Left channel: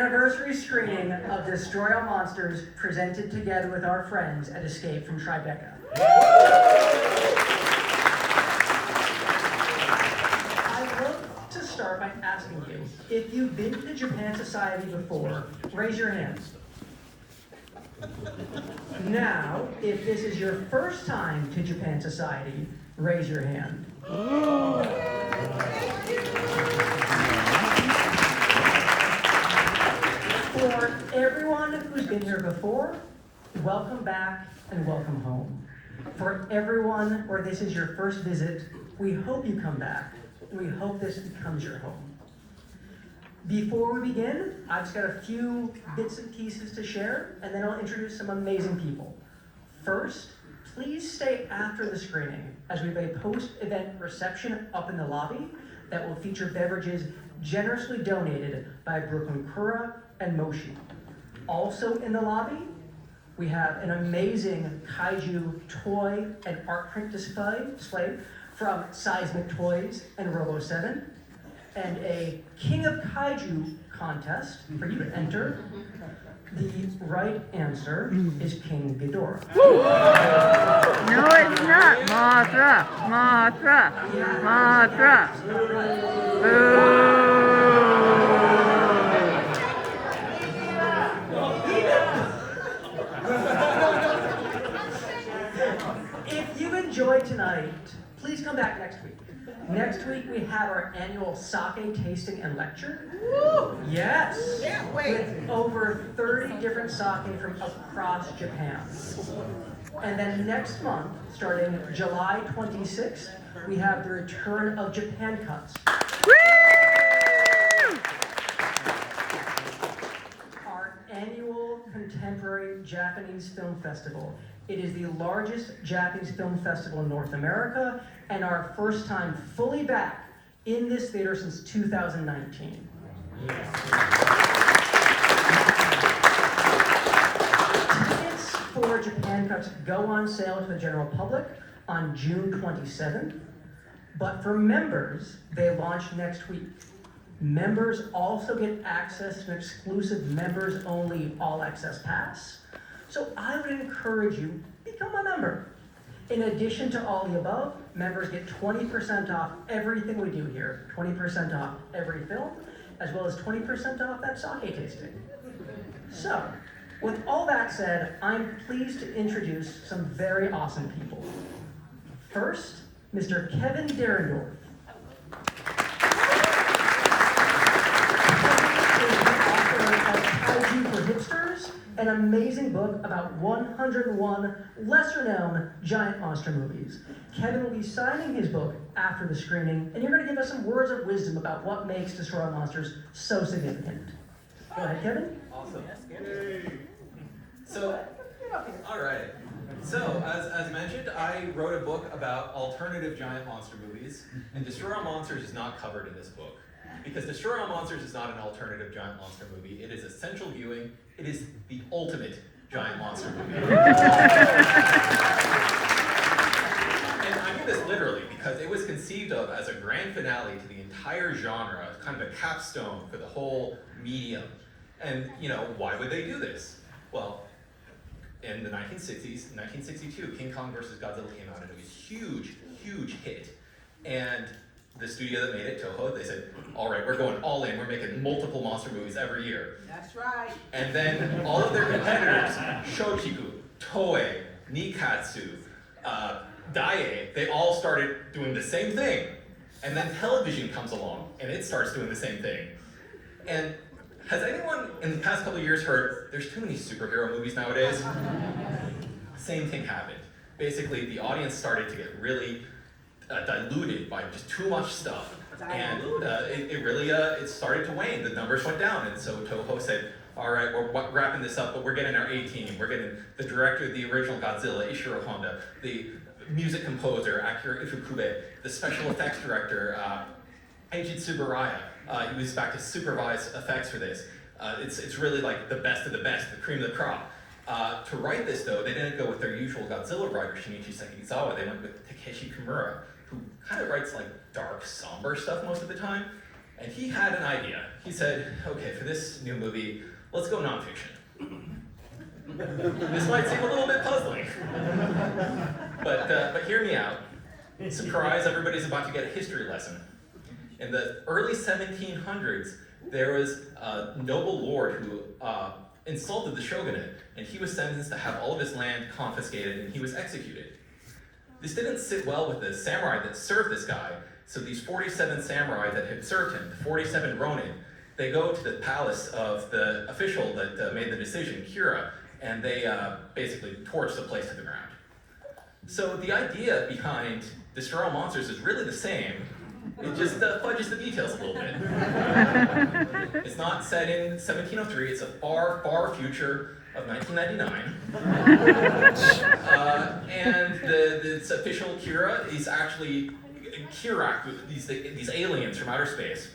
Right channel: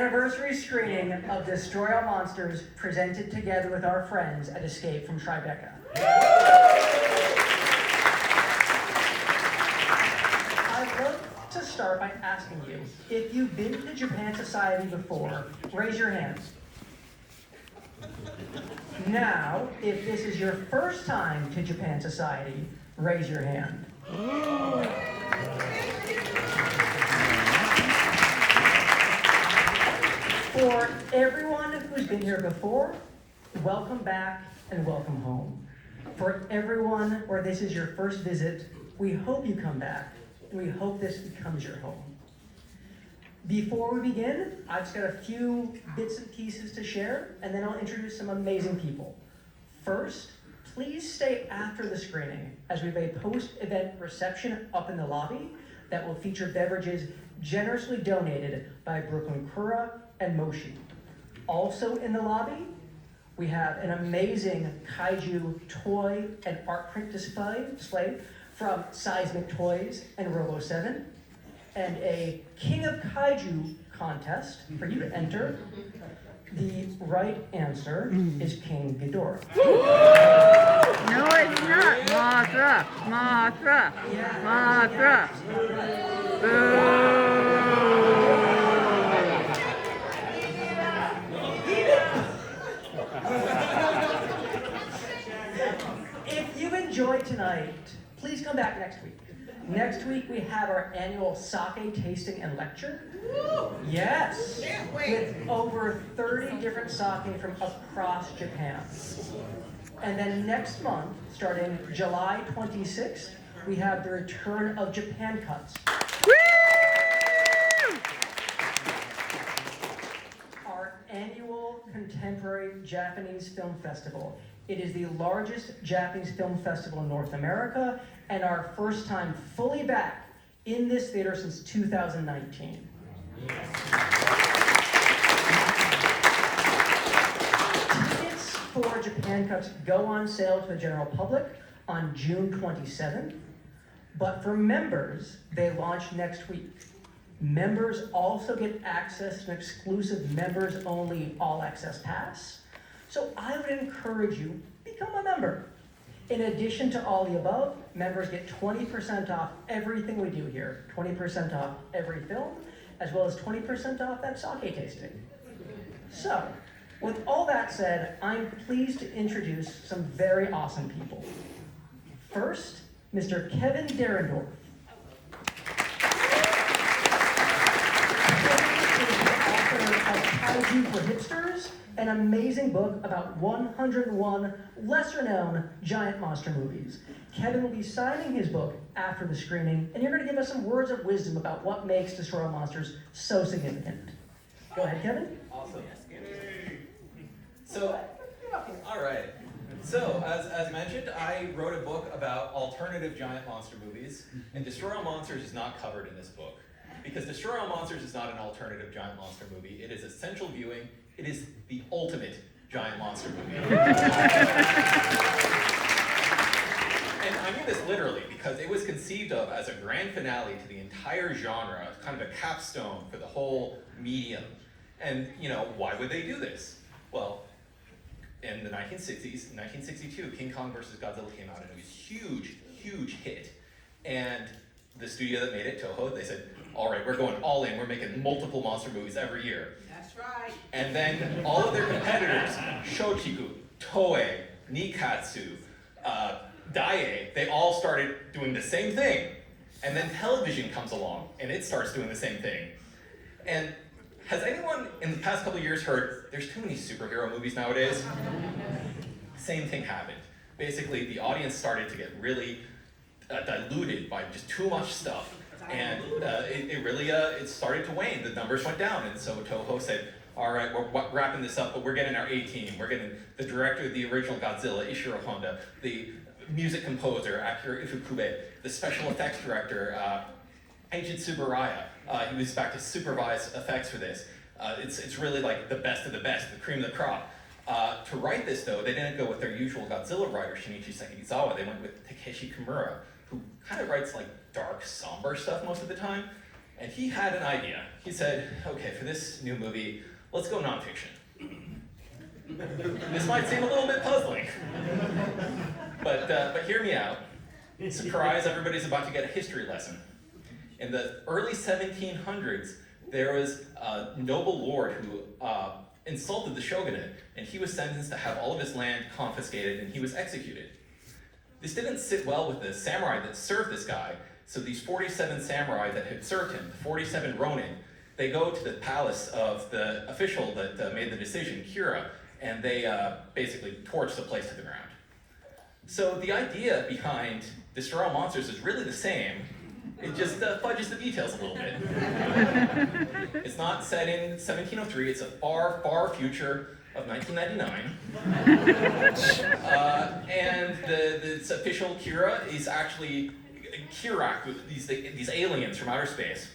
anniversary screening of Destroy All Monsters presented together with our friends at Escape from Tribeca. I'd love to start by asking you, if you've been to Japan Society before, raise your hands. Now, if this is your first time to Japan Society, raise your hand. For everyone who's been here before, welcome back and welcome home. For everyone where this is your first visit, we hope you come back, and we hope this becomes your home. Before we begin, I've just got a few bits and pieces to share, and then I'll introduce some amazing people. First, please stay after the screening, as we have a post-event reception up in the lobby that will feature beverages generously donated by Brooklyn Kura and Moshi. Also in the lobby, we have an amazing kaiju toy and art print display from Seismic Toys and Robo 7, and a King of Kaiju contest for you to enter. The right answer is King Ghidorah. No, it's not. Mothra. Mothra. Mothra. If you enjoyed tonight, please come back next week. Next week we have our annual sake tasting and lecture. Yes, with over 30 different sake from across Japan. And then next month, starting July 26th, we have the return of Japan Cuts. Our annual contemporary Japanese film festival. It is the largest Japanese film festival in North America, and our first time fully back in this theater since 2019. Tickets for Japan Cups go on sale to the general public on June 27th, but for members, they launch next week. Members also get access to an exclusive members-only all-access pass. So I would encourage you, become a member. In addition to all the above, members get 20% off everything we do here, 20% off every film, as well as 20% off that sake tasting. So, with all that said, I'm pleased to introduce some very awesome people. First, Mr. Kevin Derendorf. Kevin is the author of Kaiju for Hipsters, an amazing book about 101 lesser-known giant monster movies. Kevin will be signing his book after the screening, and you're going to give us some words of wisdom about what makes Destroy All Monsters so significant. Go ahead, Kevin. Awesome. So, all right. So, as mentioned, I wrote a book about alternative giant monster movies, and Destroy All Monsters is not covered in this book. Because Destroy All Monsters is not an alternative giant monster movie. It is essential viewing. It is the ultimate giant monster movie. And I mean this literally because it was conceived of as a grand finale to the entire genre, kind of a capstone for the whole medium. And, why would they do this? Well, in the 1960s, in 1962, King Kong vs. Godzilla came out, and it was a huge, huge hit. And the studio that made it, Toho, they said, all right, we're going all in. We're making multiple monster movies every year. That's right. And then all of their competitors, Shochiku, Toei, Nikatsu, Daiei, they all started doing the same thing. And then television comes along, and it starts doing the same thing. And has anyone in the past couple of years heard, there's too many superhero movies nowadays? Same thing happened. Basically, the audience started to get really diluted by just too much stuff. And it started to wane. The numbers went down, and so Toho said, all right, we're wrapping this up, but we're getting our A-team. We're getting the director of the original Godzilla, Ishiro Honda, the music composer, Akira Ifukube, the special effects director, Eiji Tsuburaya. He was back to supervise effects for this. It's really like the best of the best, the cream of the crop. To write this, though, they didn't go with their usual Godzilla writer, Shinichi Sekizawa. They went with Takeshi Kimura, who kind of writes like dark, somber stuff most of the time. And he had an idea. He said, okay, for this new movie, let's go nonfiction. This might seem a little bit puzzling, but hear me out. Surprise, everybody's about to get a history lesson. In the early 1700s, there was a noble lord who insulted the shogunate, and he was sentenced to have all of his land confiscated, and he was executed. This didn't sit well with the samurai that served this guy, so these 47 samurai that had served him, 47 ronin, they go to the palace of the official that made the decision, Kira, and they basically torch the place to the ground. So the idea behind Destroy All Monsters is really the same. It just fudges the details a little bit. It's not set in 1703, it's a far, far future of 1999. And this official Kira is actually Kirak, these aliens from outer space.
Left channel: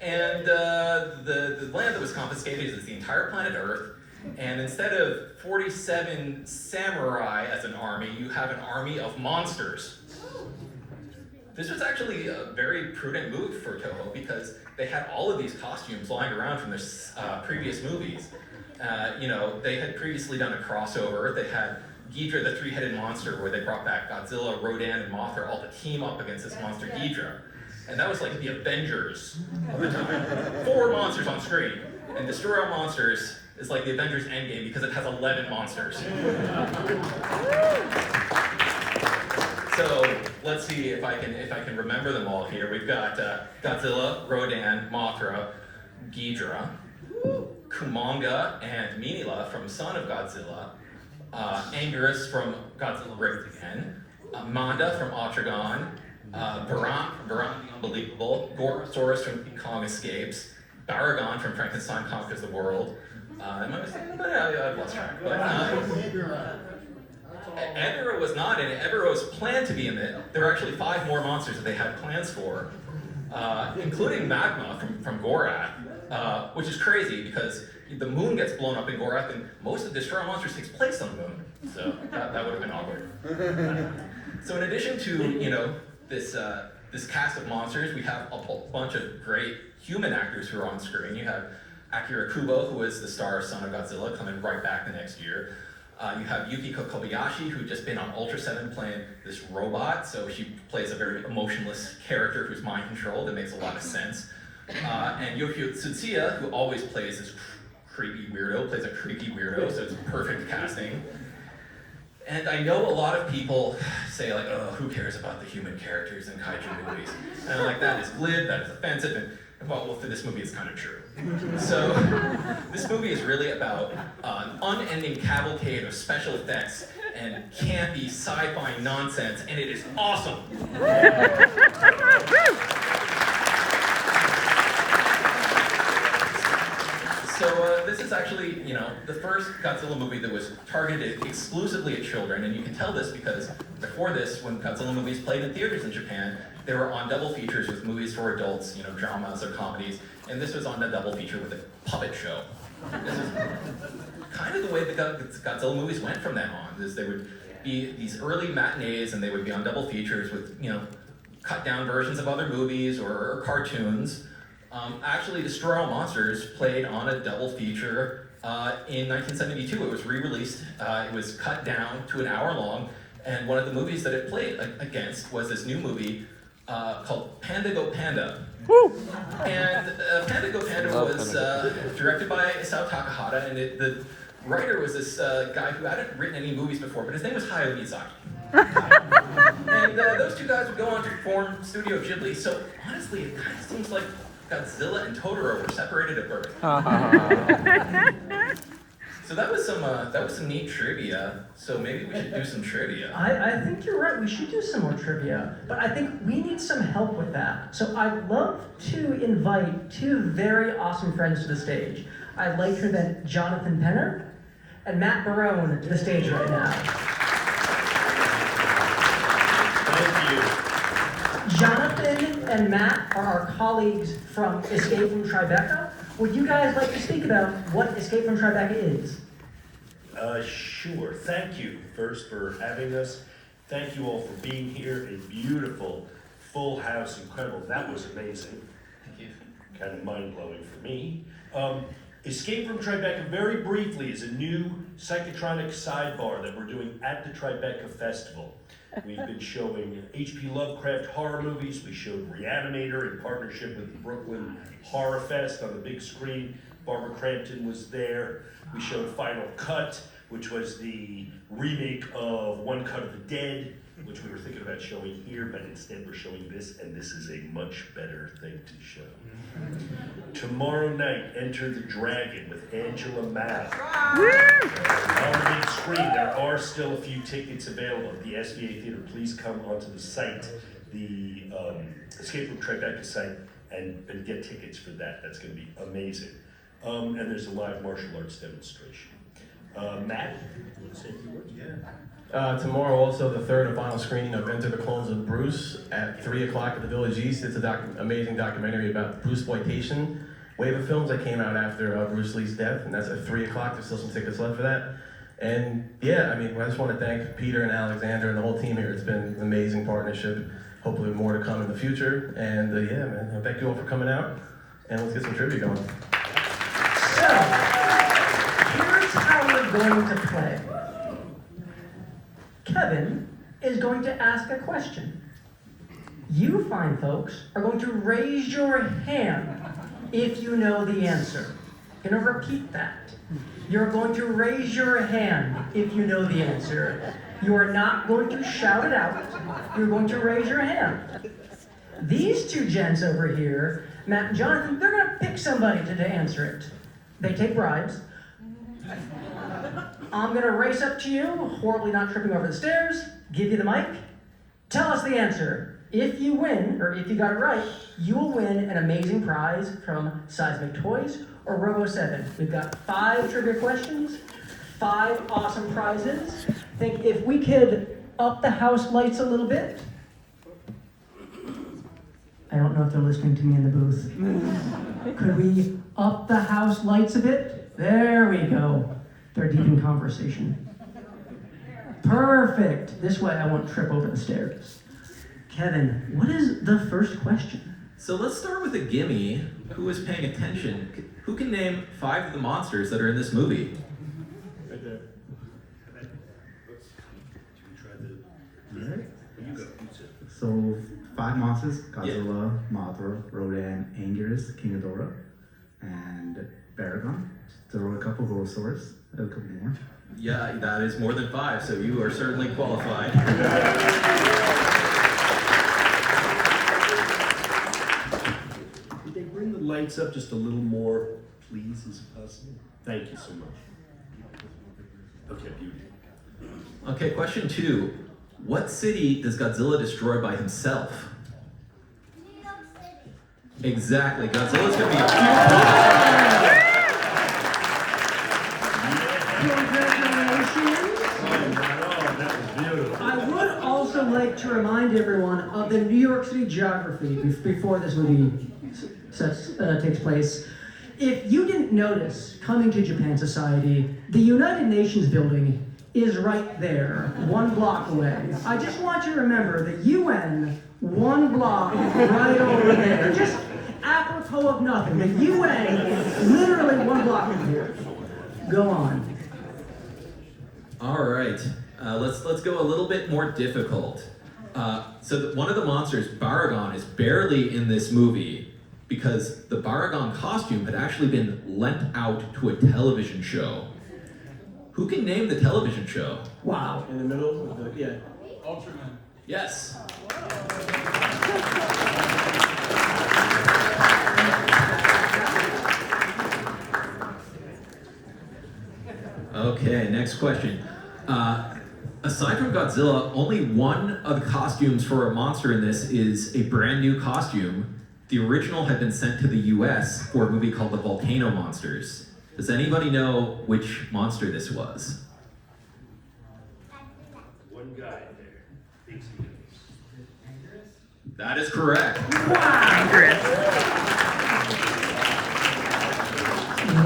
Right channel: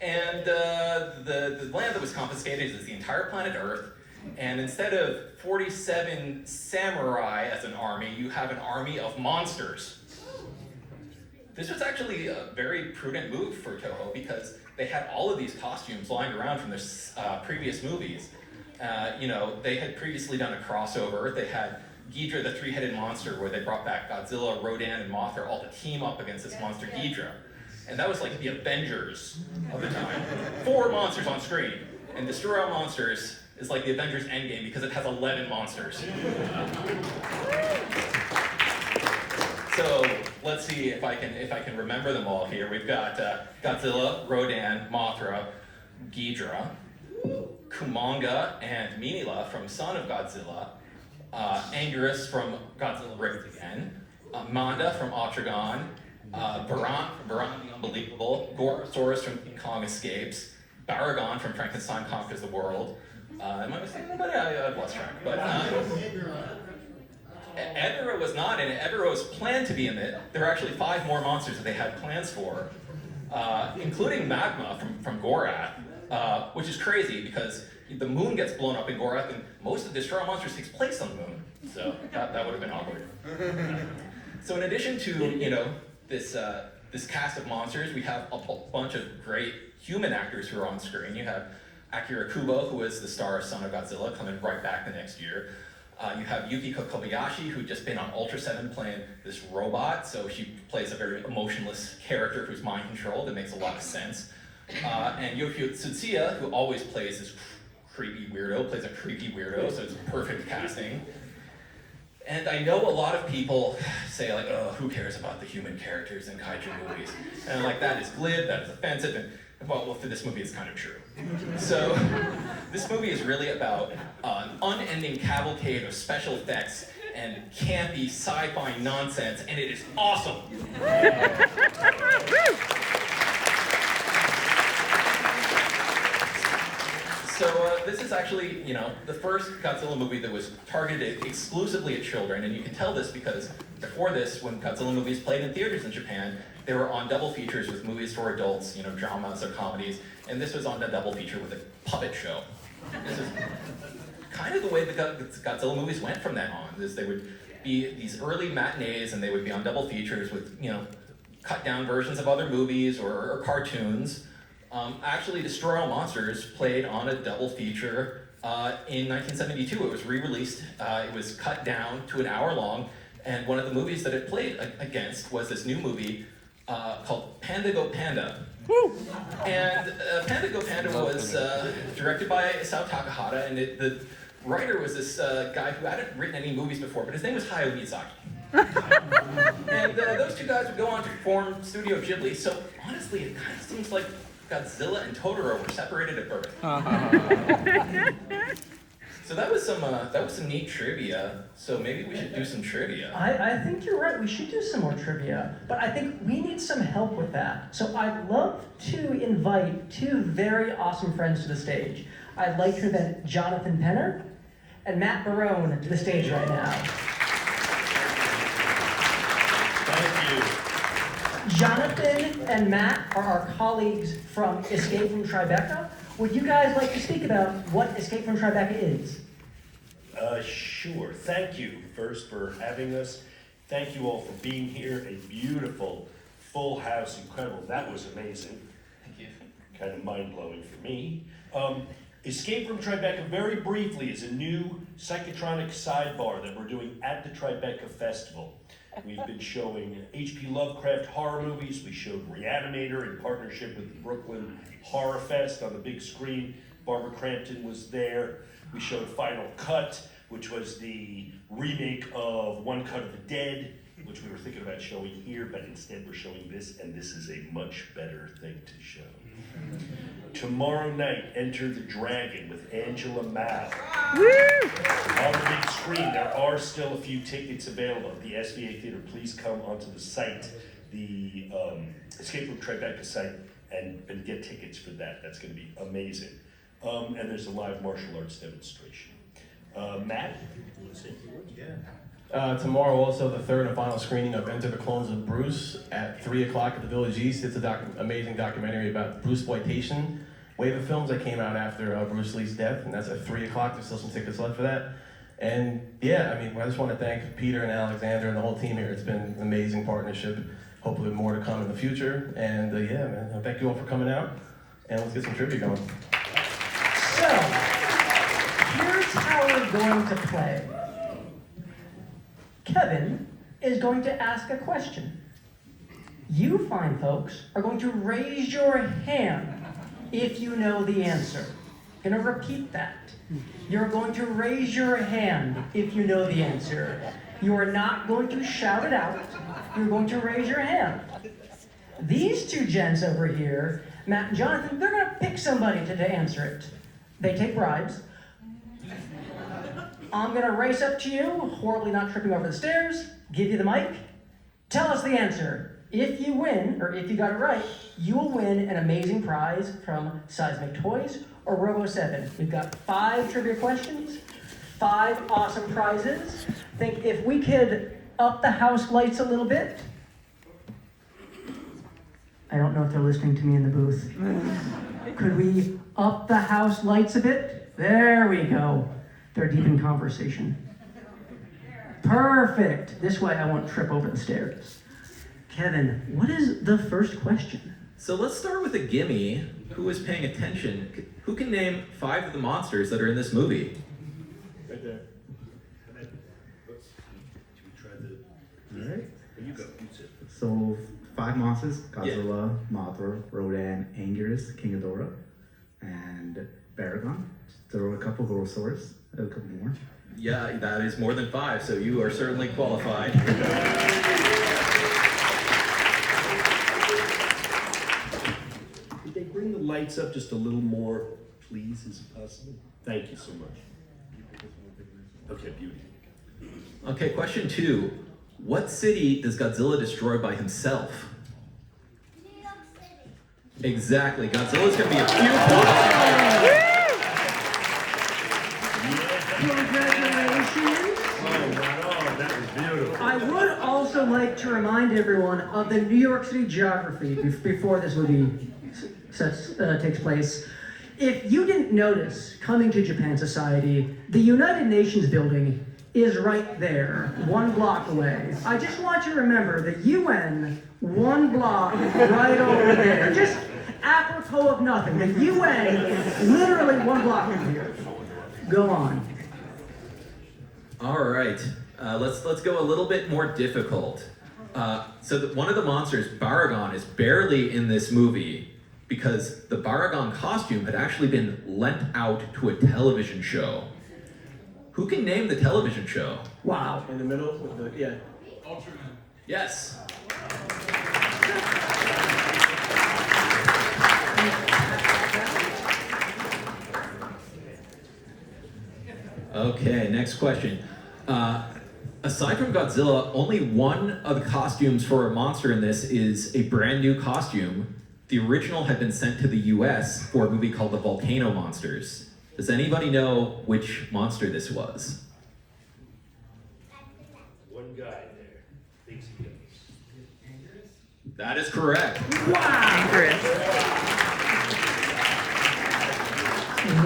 And the land that was confiscated is the entire planet Earth. And instead of 47 samurai as an army, you have an army of monsters. This was actually a very prudent move for Toho because they had all of these costumes lying around from their previous movies. They had previously done a crossover. They had Ghidra, the three-headed monster, where they brought back Godzilla, Rodan, and Mothra all to team up against this monster Ghidra. And that was like the Avengers of the time. 4 monsters on screen. And Destroy All Monsters is like the Avengers Endgame because it has 11 monsters. So let's see if I can remember them all here. We've got Godzilla, Rodan, Mothra, Ghidra, Kumanga and Minilla from Son of Godzilla, Anguirus from Godzilla Raved Again, Manda from Otragon, Baran the Unbelievable, Gorosaurus from King Kong Escapes, Baragon from Frankenstein Conquers the World. Am I missing anybody? I've lost track. But Edera was not in it. Edera was planned to be in it. There were actually 5 more monsters that they had plans for, including Magma from Gorath, which is crazy because the moon gets blown up in Gorath, and most of the Destroy All Monsters takes place on the moon. So that would have been awkward. So in addition to this cast of monsters, we have a bunch of great human actors who are on screen. You have Akira Kubo, who was the star of Son of Godzilla, coming right back the next year. You have Yukiko Kobayashi, who'd just been on Ultra 7 playing this robot, so she plays a very emotionless character who's mind controlled. It makes a lot of sense. And Yokio Tsutsuya, who always plays this creepy weirdo, plays a creepy weirdo, so it's perfect casting. And I know a lot of people say like, oh, who cares about the human characters in kaiju movies? And I'm like, that is glib, that is offensive, and well, for this movie it's kind of true. So, this movie is really about an unending cavalcade of special effects and campy sci-fi nonsense, and it is awesome! So this is actually, the first Godzilla movie that was targeted exclusively at children, and you can tell this because before this, when Godzilla movies played in theaters in Japan, they were on double features with movies for adults, dramas or comedies, and this was on a double feature with a puppet show. This is kind of the way the Godzilla movies went from then on. They would be these early matinees, and they would be on double features with, cut down versions of other movies or cartoons. Actually, Destroy All Monsters played on a double feature in 1972. It was re-released. It was cut down to an hour long, and one of the movies that it played against was this new movie called Panda Go Panda. Woo! And Panda Go Panda was directed by Isao Takahata, and the writer was this guy who hadn't written any movies before, but his name was Hayao Miyazaki. And those two guys would go on to form Studio Ghibli, so honestly, it kind of seems like Godzilla and Totoro were separated at birth. So that was some neat trivia. So maybe we should do some trivia. I think you're right. We should do some more trivia, but I think we need some help with that. So I'd love to invite 2 very awesome friends to the stage. I'd like to invite Jonathan Penner and Matt Barone to the stage right now. Thank you. Jonathan and Matt are our colleagues from Escape from Tribeca. Would you guys like to speak about what Escape from Tribeca is? Sure. Thank you first for having us. Thank you all for being here. A beautiful, full house, incredible. That was amazing. Thank you. kind of mind-blowing for me. Escape from Tribeca, very briefly, is a new psychotronic sidebar that we're doing at the Tribeca Festival. We've been showing H.P. Lovecraft horror movies. We showed Reanimator in partnership with the Brooklyn Horror Fest on the big screen. Barbara Crampton was there. We showed Final Cut, which was the remake of One Cut of the Dead, which we were thinking about showing here, but instead we're showing this, and this is a much better thing to show. Tomorrow night, Enter the Dragon with Angela Mao. On the big screen, there are still a few tickets available at the SVA Theater. Please come onto the site, the Escape from Tribeca site, and get tickets for that. That's going to be amazing. And there's a live martial arts demonstration. Matt, you want to say a few words? Yeah. Tomorrow, also the third and final screening of Enter the Clones of Bruce at 3 o'clock at the Village East. It's an amazing documentary about Bruceploitation wave of films that came out after Bruce Lee's death, and that's at 3 o'clock. There's still some tickets left for that. And yeah, I mean, I just want to thank Peter and Alexander and the whole team here. It's been an amazing partnership. Hopefully more to come in the future. And yeah, man, thank you all for coming out. And let's get some trivia going. So, here's how we're going to play. Kevin is going to ask a question. You fine folks are going to raise your hand if you know the answer. I'm going to repeat that. You're going to raise your hand if you know the answer. You are not going to shout it out. You're going to raise your hand. These two gents over here, Matt and Jonathan, they're going to pick somebody to answer it. They take bribes. I'm going to race up to you, horribly not tripping over the stairs, give you the mic. Tell us the answer. If you win, or if you got it right, you will win an amazing prize from Seismic Toys or Robo 7. We've got 5 trivia questions, 5 awesome prizes. Think if we could up the house lights a little bit. I don't know if they're listening to me in the booth. Could we up the house lights a bit? There we go. They're deep in conversation. Perfect. This way I won't trip over the stairs. Kevin, what is the first question? So let's start with a gimme. Who is paying attention? Who can name 5 of the monsters that are in this movie? Right there. Alright. You go. You sit. So 5 monsters: Godzilla, Mothra, Rodan, Anguirus, King Ghidorah, and Baragon. Throw a couple Gorosaurus, a couple more. Yeah, that is more than 5, so you are certainly qualified. Could they bring the lights up just a little more, please? Is it possible? Thank you so much. Okay, beauty. Okay, question 2. What city does Godzilla destroy by himself? New York City. Exactly. Godzilla's gonna be a few Congratulations. Oh, that was beautiful. I would also like to remind everyone of the New York City geography before this movie takes place. If you didn't notice, coming to Japan Society, the United Nations building is right there, 1 block away. I just want you to remember the UN, 1 block right over there. Just apropos of nothing. The UN, literally 1 block from here. Go on. All right, let's go a little bit more difficult. One of the monsters, Baragon, is barely in this movie because the Baragon costume had actually been lent out to a television show. Who can name the television show? Wow. In the middle with the, yeah. Yes. Okay, next question. Aside from Godzilla, only one of the costumes for a monster in this is a brand new costume. The original had been sent to the US for a movie called The Volcano Monsters. Does anybody know which monster this was? One guy there thinks he knows. That is correct. Anguirus.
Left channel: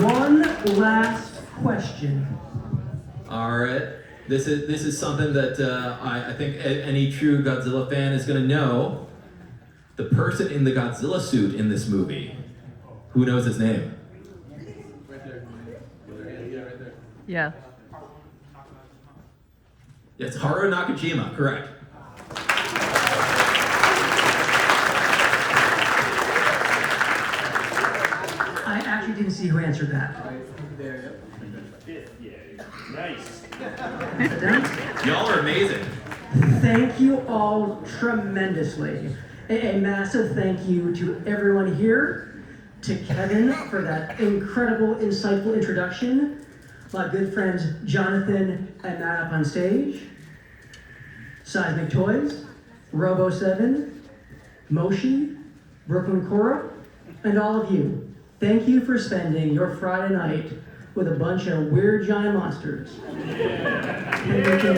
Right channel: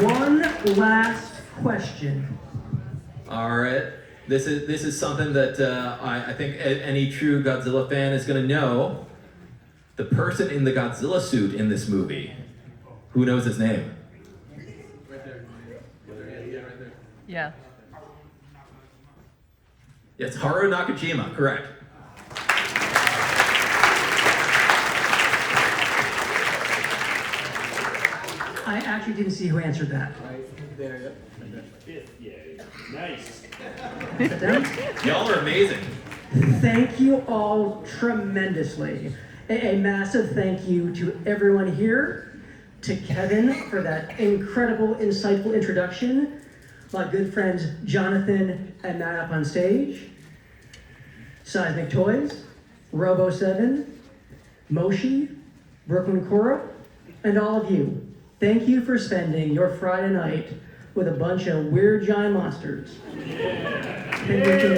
One last question. All right. This is something that I think any true Godzilla fan is going to know. The person in the Godzilla suit in this movie, Who knows his name? Right there. Yeah, right there. Yeah. Yes, Haru Nakajima, correct. I actually didn't see who answered that. Right there, yep. Fifth, yeah, nice. Sit down. Y'all are amazing. Thank you all tremendously. A massive thank you to everyone here, to Kevin for that incredible, insightful introduction, my good friends Jonathan and Matt up on stage, Seismic Toys, Robo7, Moshi, Brooklyn Cora, and all of you. Thank you for spending your Friday night with a bunch of weird giant monsters. And we can,